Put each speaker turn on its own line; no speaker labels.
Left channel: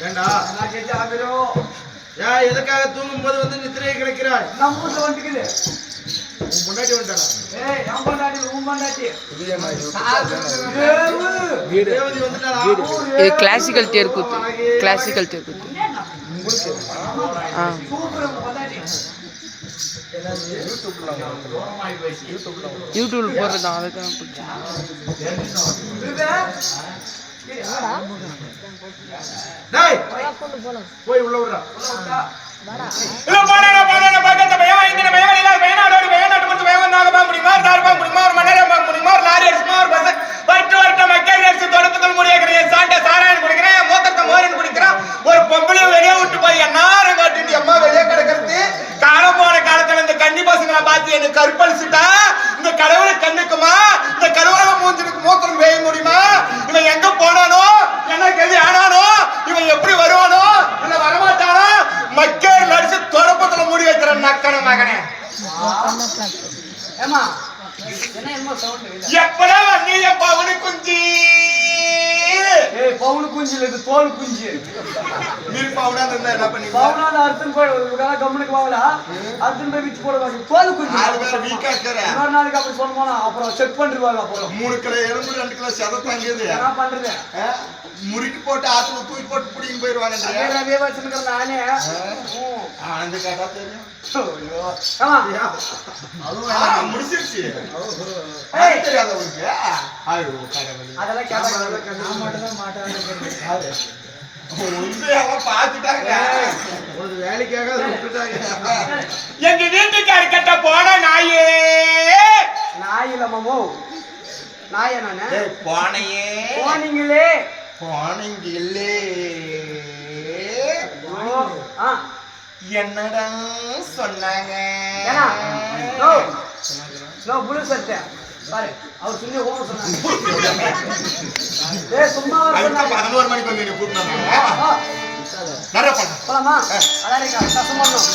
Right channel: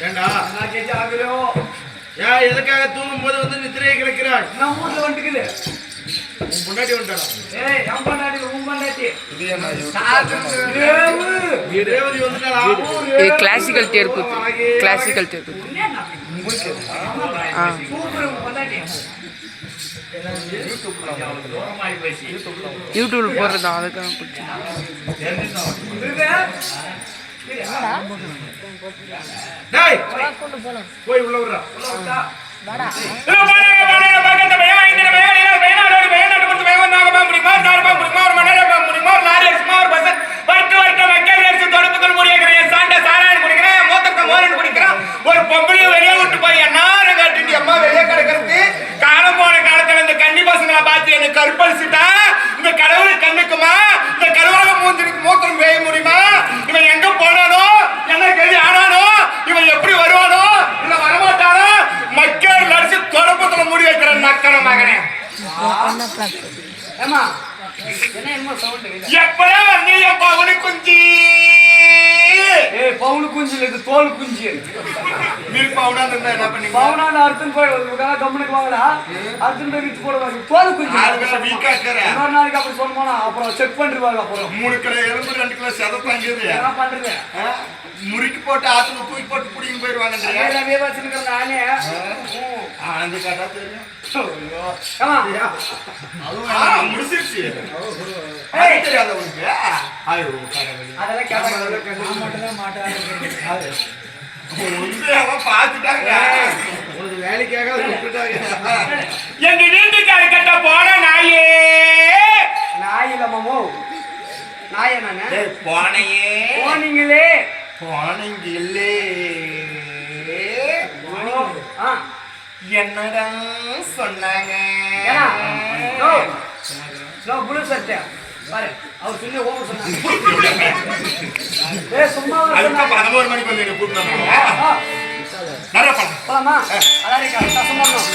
ஏண்டா? ஏன் எதுக்காக தூங்கும் போது வந்து நித்திரையை கிடக்கிறாய்?
நம்ம ஊர்ல வந்துக்குது.
உன் முன்னாடி வந்துட்டானா
ஏய் என் பொண்டாட்டி உன் பொண்டாட்டி.
ரேவதி வந்துட்டாளா
இது கிளாசிக்கல் தேர் கூத்து கிளாசிக்கல் தேர் கூத்து ஆ. யூடியூப்ல போடுறது அதுக்காக
போய் உள்ள விடுறா.
ஒரு பொம்பளையும் வெளியே விட்டு போய் என்னாரும் காட்டிட்டு அம்மா வெளியே கிடக்கிறது? காலம் போன காலத்துல இந்த கன்னி பசங்களை பார்த்து எனக்கு கற்பழிச்சுட்டா? இந்த கடவுளை கண்ணுக்குமா? இந்த கருவலக மூஞ்சிருக்கு மூத்திரம் பெய்ய முடியுமா? முடி வைக்கிற நக்கன மகனே.
ஏமா என்ன என்னமோ சவுண்ட்
எப்பதான் வந்து என் பவனு குஞ்சி
ஏய் பவுனு குஞ்சு இல்ல இது தோல் குஞ்சு.
நீர் பவுனா இருந்தா பண்ணீங்க?
பவுனான அர்த்தம் போய் கம்முனுக்கு வாங்கடா அர்த்தம் போய் வித்து போடுவாங்க தோல் குஞ்சு.
ஆறு வேளை வீக்கா இருக்கிற
இன்னொரு நாளைக்கு அப்படி சொல்லணுமா அப்புறம் செக் பண்ணிருவாங்க அப்புறம்.
மூணு கிலோ எலும்பு ரெண்டு கிலோ செத தாங்கியது.
என்ன பண்றது?
முறுக்கி போட்டு ஆத்துல தூக்கி போட்டு பிடிங்க போயிருவாங்க
நானே.
ஆனந்தி கேட்டா தெரியும். எங்க வீட்டுக்காரு கிட்ட போன நாயே
நாய் இல்ல மாமோ நாயா நானு
போனையே
போனீங்களே.
போனீங்க இல்லே
ஓ, ஆ.
என்னடா சொன்னாங்க?
புளு சட்டை. பாரு அவர் சொல்லி ஓம சொன்னாங்க சும்மா
பதினோரு மணிக்கு வந்து
ஆ,
நிறைய பண்ண.
போலாமா அலாரிக்கா கசம் பண்ணணும்